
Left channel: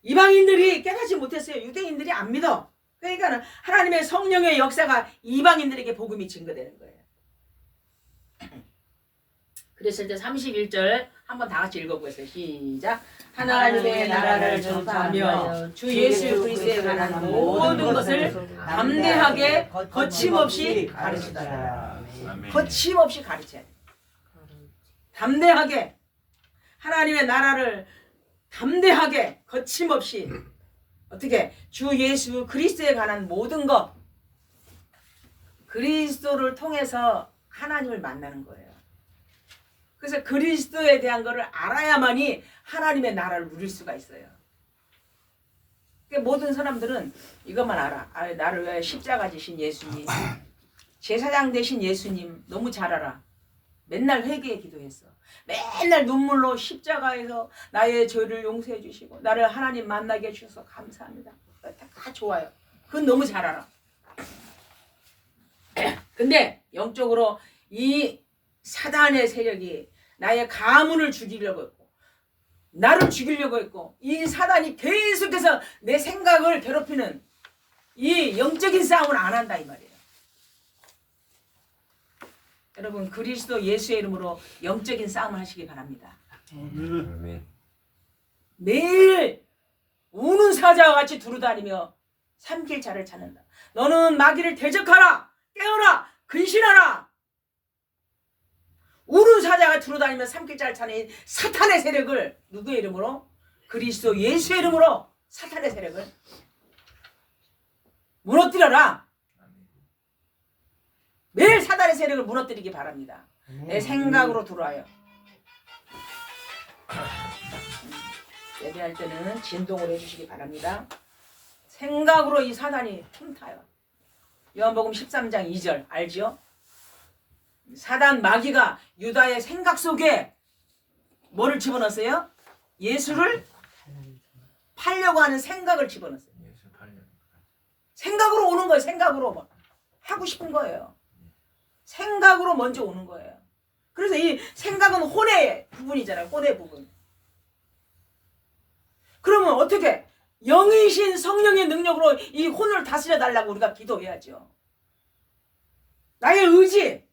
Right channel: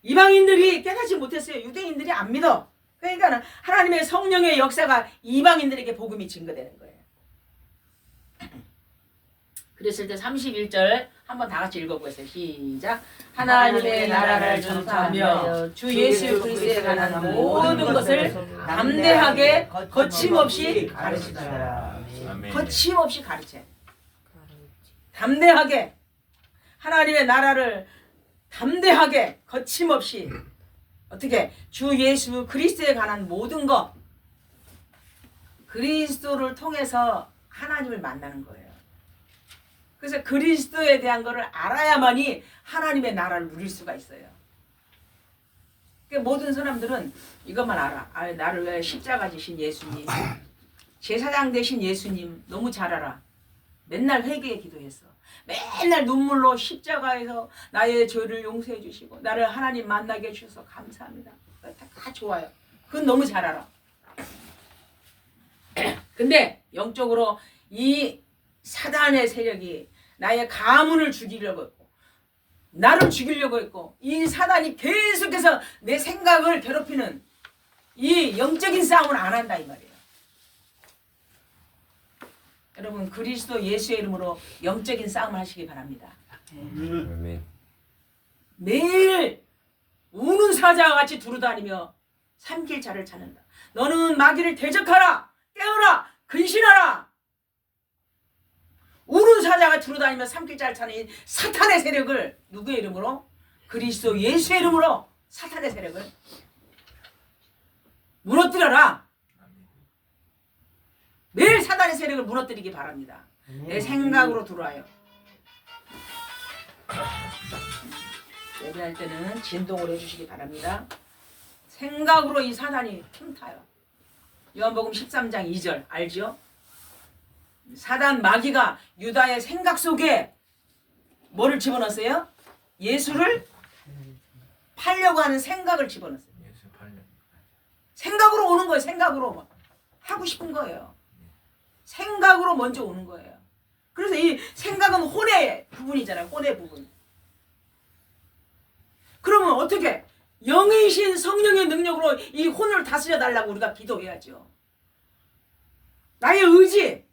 이방인들이 깨닫지 못했어요. 유대인들이 안 믿어. 그러니까 하나님의 성령의 역사가 이방인들에게 복음이 증거되는 거예요. 그랬을 때 31절 한번 다 같이 읽어보겠어요. 시작. 하나님의 나라를 전파하며 주 예수 그리스도에 관한 모든 것을 담대하게 거침없이 가르치더라. 아멘. 거침없이 가르쳐야 돼. 담대하게 하나님의 나라를 담대하게 거침없이 어떻게 주 예수 그리스도에 관한 모든 것 그리스도를 통해서 하나님을 만나는 거예요. 그래서 그리스도에 대한 것을 알아야만이 하나님의 나라를 누릴 수가 있어요. 그러니까 모든 사람들은 이것만 알아. 나를 왜 십자가 지신 예수님, 제사장 되신 예수님 너무 잘 알아. 맨날 회개에 기도했어. 맨날 눈물로 십자가에서 나의 죄를 용서해 주시고 나를 하나님 만나게 해주셔서 감사합니다. 다 좋아요. 그건 너무 잘 알아. 근데 영적으로 이 사단의 세력이 나의 가문을 죽이려고 했고 나를 죽이려고 했고 이 사단이 계속해서 내 생각을 괴롭히는 이 영적인 싸움을 안 한다 이 말이에요. 여러분 그리스도 예수의 이름으로 영적인 싸움을 하시기 바랍니다. 아멘. 매일 우는 사자와 같이 두루다니며 삼킬 자를 찾는다. 너는 마귀를 대적하라. 깨어라. 근신하라. 우는 사자가 두루다니며 삼킬 자를 찾는 사탄의 세력을 누구의 이름으로? 그리스도 예수의 이름으로 사탄의 세력을 무너뜨려라. 매일 사단의 세력을 무너뜨리기 바랍니다. 내 생각으로 들어와요. 예배할 때는 진동을 해주시기 바랍니다. 생각으로 이 사단이 틈타요. 요한복음 13장 2절 알죠? 사단 마귀가 유다의 생각 속에 뭐를 집어넣었어요? 예수를 팔려고 하는 생각을 집어넣었어요. 예수 팔려. 생각으로 오는 거예요. 생각으로 하고 싶은 거예요. 생각으로 먼저 오는 거예요. 그래서 이 생각은 혼의 부분이잖아요. 혼의 부분. 그러면 어떻게 영이신 성령의 능력으로 이 혼을 다스려 달라고 우리가 기도해야죠. 나의 의지,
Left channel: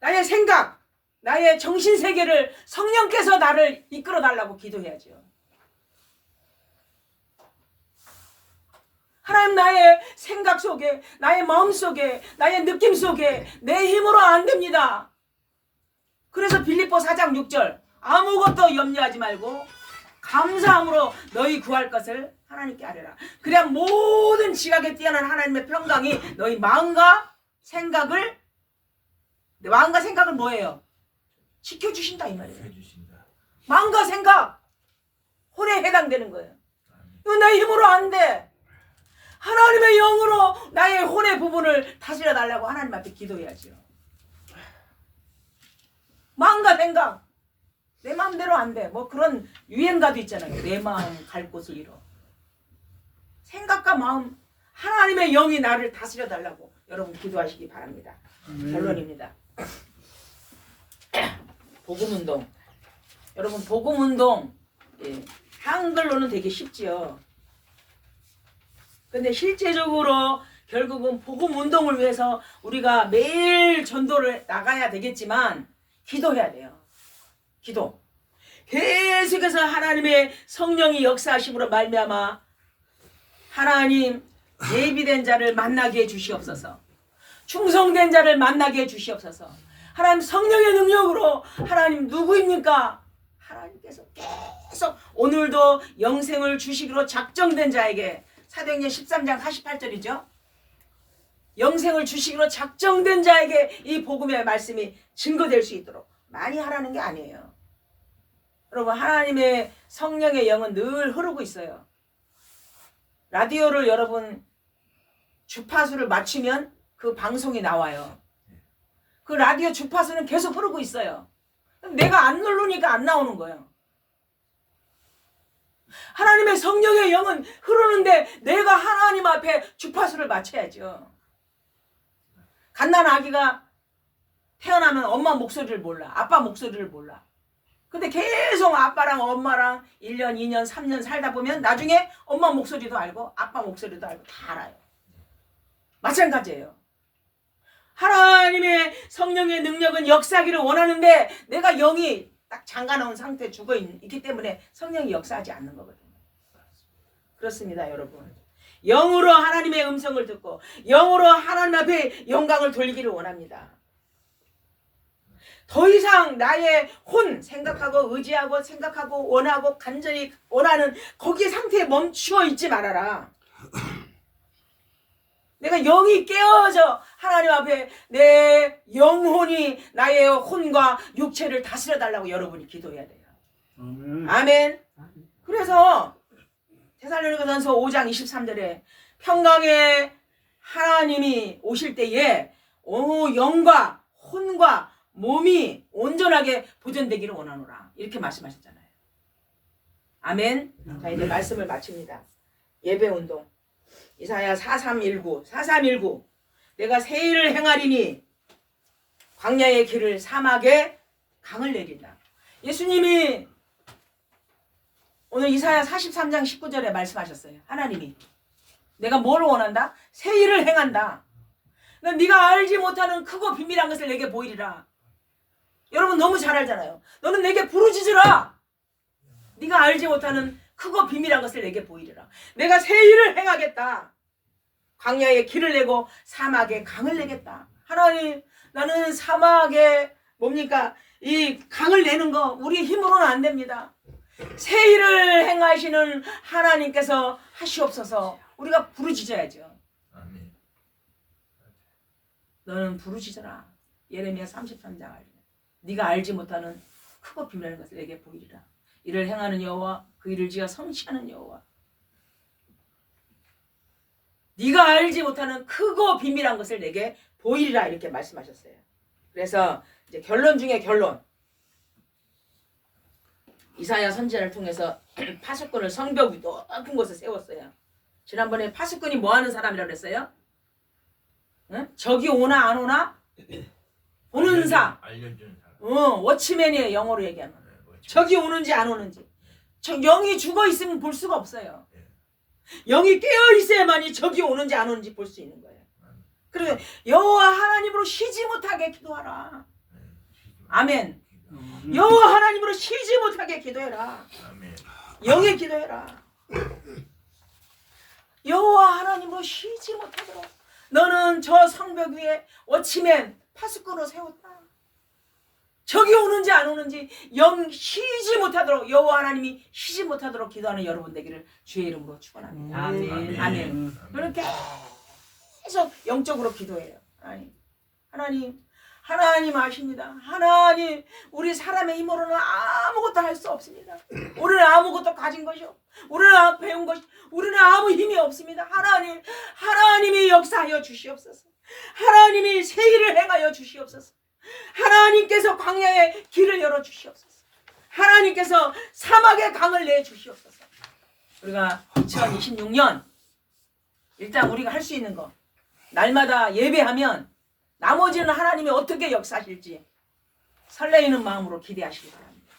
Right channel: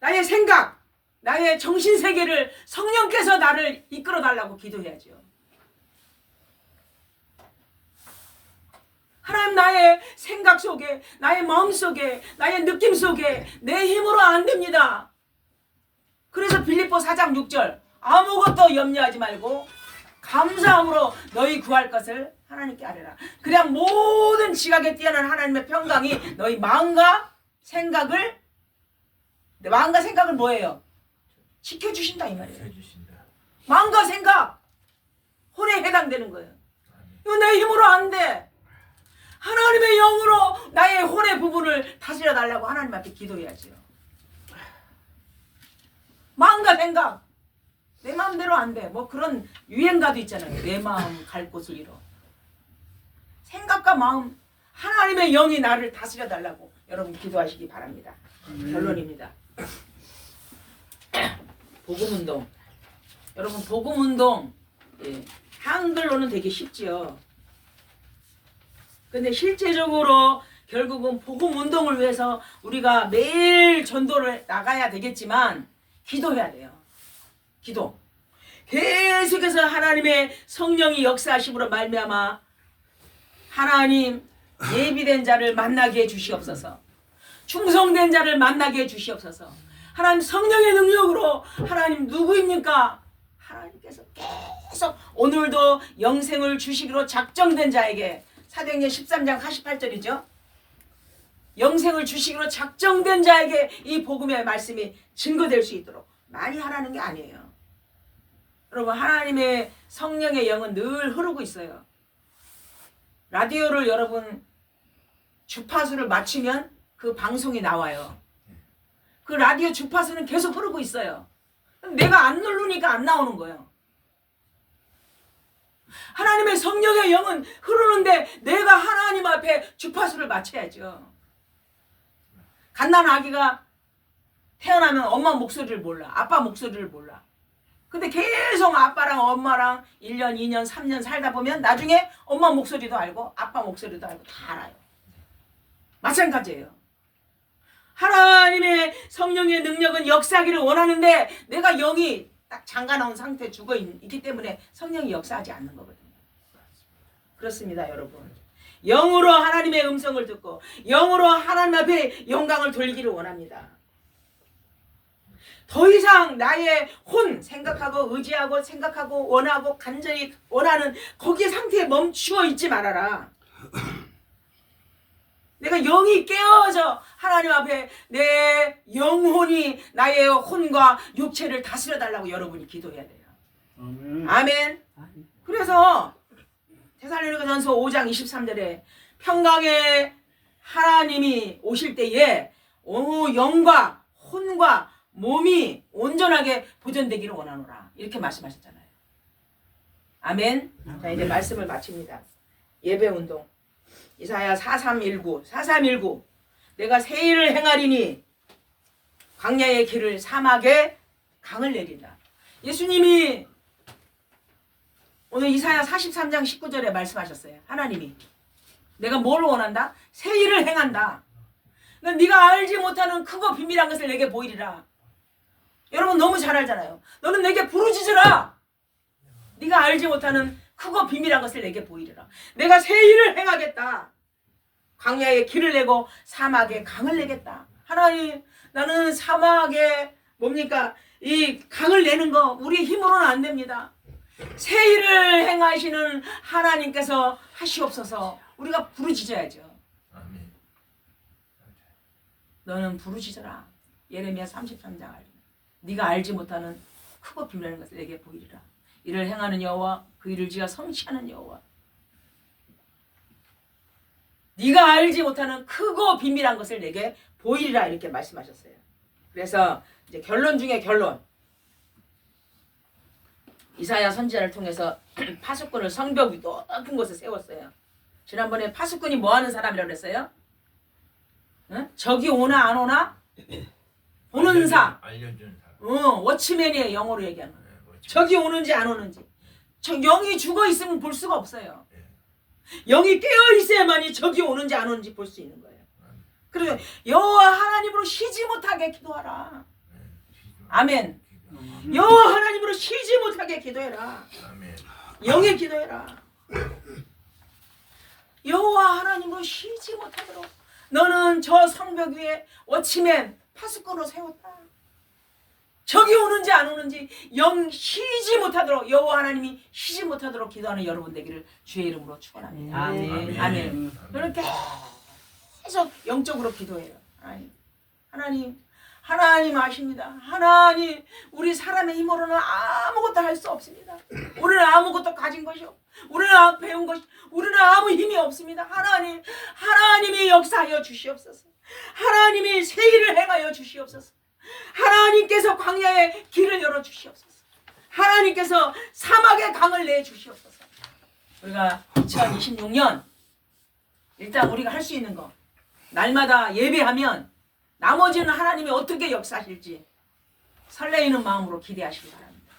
나의 생각, 나의 정신세계를 성령께서 나를 이끌어 달라고 기도해야죠. 하나님 나의 생각 속에, 나의 마음 속에, 나의 느낌 속에 내 힘으로 안 됩니다. 그래서 빌립보 4장 6절 아무것도 염려하지 말고 감사함으로 너희 구할 것을 하나님께 아뢰라. 그냥 모든 지각에 뛰어난 하나님의 평강이 너희 마음과 생각을 뭐예요? 지켜주신다 이 말이에요. 해주신다. 마음과 생각 혼에 해당되는 거예요. 이거 내 힘으로 안 돼. 하나님의 영으로 나의 혼의 부분을 다스려 달라고 하나님 앞에 기도해야죠. 마음과 생각 내 마음대로 안 돼. 뭐 그런 유행가도 있잖아요. 내 마음 갈 곳을 잃어. 생각과 마음 하나님의 영이 나를 다스려 달라고 여러분 기도하시기 바랍니다. 결론입니다. 복음운동. 여러분 복음운동 한글로는 되게 쉽지요. 근데 실제적으로 결국은 복음운동을 위해서 우리가 매일 전도를 나가야 되겠지만 기도해야 돼요. 기도. 계속해서 하나님의 성령이 역사하심으로 말미암아 하나님 예비된 자를 만나게 해 주시옵소서. 충성된 자를 만나게 해 주시옵소서. 하나님 성령의 능력으로 하나님 누구입니까? 하나님께서 계속 오늘도 영생을 주시기로 작정된 자에게 사도행전 13장 48절이죠. 영생을 주시기로 작정된 자에게 이 복음의 말씀이 증거될 수 있도록 많이 하라는 게 아니에요. 여러분 하나님의 성령의 영은 늘 흐르고 있어요. 라디오를 여러분 주파수를 맞추면 그 방송이 나와요. 그 라디오 주파수는 계속 흐르고 있어요. 내가 안 누르니까 안 나오는 거예요. 하나님의 성령의 영은 흐르는데 내가 하나님 앞에 주파수를 맞춰야죠. 갓난 아기가 태어나면 엄마 목소리를 몰라. 아빠 목소리를 몰라. 근데 계속 아빠랑 엄마랑 1년, 2년, 3년 살다 보면 나중에 엄마 목소리도 알고 아빠 목소리도 알고 다 알아요. 마찬가지예요. 하나님의 성령의 능력은 역사하기를 원하는데 내가 영이 딱 잠가놓은 상태에 죽어있기 때문에 성령이 역사하지 않는 거거든요. 그렇습니다, 여러분. 영으로 하나님의 음성을 듣고 영으로 하나님 앞에 영광을 돌리기를 원합니다. 더 이상 나의 생각하고 의지하고 생각하고 원하고 간절히 원하는 거기 상태에 멈추어 있지 말아라. 내가 영이 깨어져 하나님 앞에 내 영혼이 나의 혼과 육체를 다스려 달라고 여러분이 기도해야 돼요. 아멘. 그래서 데살로니가전서 5장 23절에 평강의 하나님이 오실 때에 영과 혼과 몸이 온전하게 보존되기를 원하노라. 이렇게 말씀하셨잖아요. 아멘. 자, 이제 말씀을 마칩니다. 예배운동. 이사야 4319 내가 새 일을 행하리니 광야의 길을 사막에 강을 내린다. 예수님이 오늘 이사야 43장 19절에 말씀하셨어요. 하나님이 내가 뭘 원한다? 새 일을 행한다. 네가 알지 못하는 크고 비밀한 것을 내게 보이리라. 여러분 너무 잘 알잖아요. 너는 내게 부르짖으라. 네가 알지 못하는 크고 비밀한 것을 내게 보이리라. 내가 새 일을 행하겠다. 광야에 길을 내고 사막에 강을 내겠다. 하나님, 나는 사막에 뭡니까? 이 강을 내는 거 우리 힘으로는 안 됩니다. 새 일을 행하시는 하나님께서 하시옵소서. 우리가 부르짖어야죠. 너는 부르짖어라. 예레미야 33장 알면 네가 알지 못하는 크고 비밀한 것을 내게 보이리라. 이를 행하는 여호와 그 일을 지어 성취하는 여호와. 네가 알지 못하는 크고 비밀한 것을 내게 보이리라 이렇게 말씀하셨어요. 그래서 이제 결론 중에 결론. 이사야 선지자를 통해서 파수꾼을 성벽 위 높은 곳에 세웠어요. 지난번에 파수꾼이 뭐 하는 사람이라고 그랬어요? 응? 적이 오나 안 오나? 보는 사. 알려주는 사람. 워치맨이에요. 영어로 얘기하면. 적이 오는지 안 오는지. 영이 죽어 있으면 볼 수가 없어요. 영이 깨어 있어야만이 적이 오는지 안 오는지 볼 수 있는 거예요. 그래서 여호와 하나님으로 쉬지 못하게 기도하라. 아멘. 여호와 하나님으로 쉬지 못하게 기도해라. 영에 기도해라. 여호와 하나님으로 쉬지 못하도록 너는 저 성벽 위에 워치맨 파수꾼으로 세웠다. 적이 오는지 안 오는지 영 쉬지 못하도록 여호와 하나님이 쉬지 못하도록 기도하는 여러분 되기를 주의 이름으로 축원합니다. 아멘. 아멘. 너는 계속 영적으로 기도해요. 하나님 아십니다. 하나님, 우리 사람의 힘으로는 아무것도 할 수 없습니다. 우리는 아무것도 가진 것이 없고 우리는 배운 것이 우리는 아무 힘이 없습니다. 하나님이 역사하여 주시옵소서. 하나님이 새 일을 행하여 주시옵소서. 하나님께서 광야에 길을 열어 주시옵소서. 하나님께서 사막에 강을 내 주시옵소서. 우리가 2026년 일단 우리가 할 수 있는 거 날마다 예배하면 나머지는 하나님이 어떻게 역사하실지 설레이는 마음으로 기대하시기 바랍니다.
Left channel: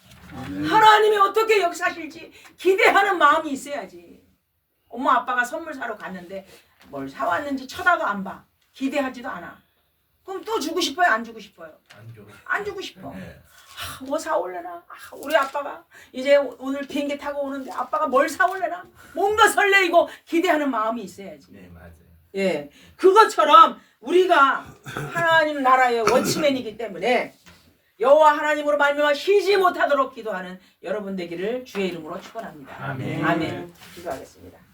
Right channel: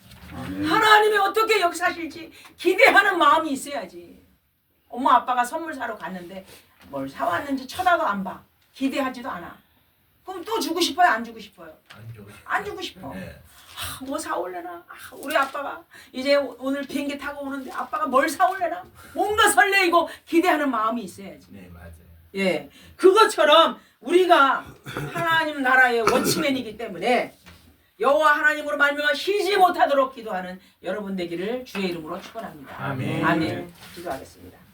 하나님이 어떻게 역사하실지 기대하는 마음이 있어야지. 엄마 아빠가 선물 사러 갔는데 뭘 사왔는지 쳐다도 안 봐. 기대하지도 않아. 그럼 또 주고 싶어요? 안 주고 싶어요? 안 주고 싶어. 네. 뭐 사올래나? 우리 아빠가 이제 오늘 비행기 타고 오는데 아빠가 뭘 사올래나? 뭔가 설레이고 기대하는 마음이 있어야지. 네, 맞아요. 예, 그것처럼 우리가 하나님 나라의 워치맨이기 때문에 여호와 하나님으로 말미암아 쉬지 못하도록 기도하는 여러분 되기를 주의 이름으로 축원합니다. 아멘. 아멘. 기도하겠습니다.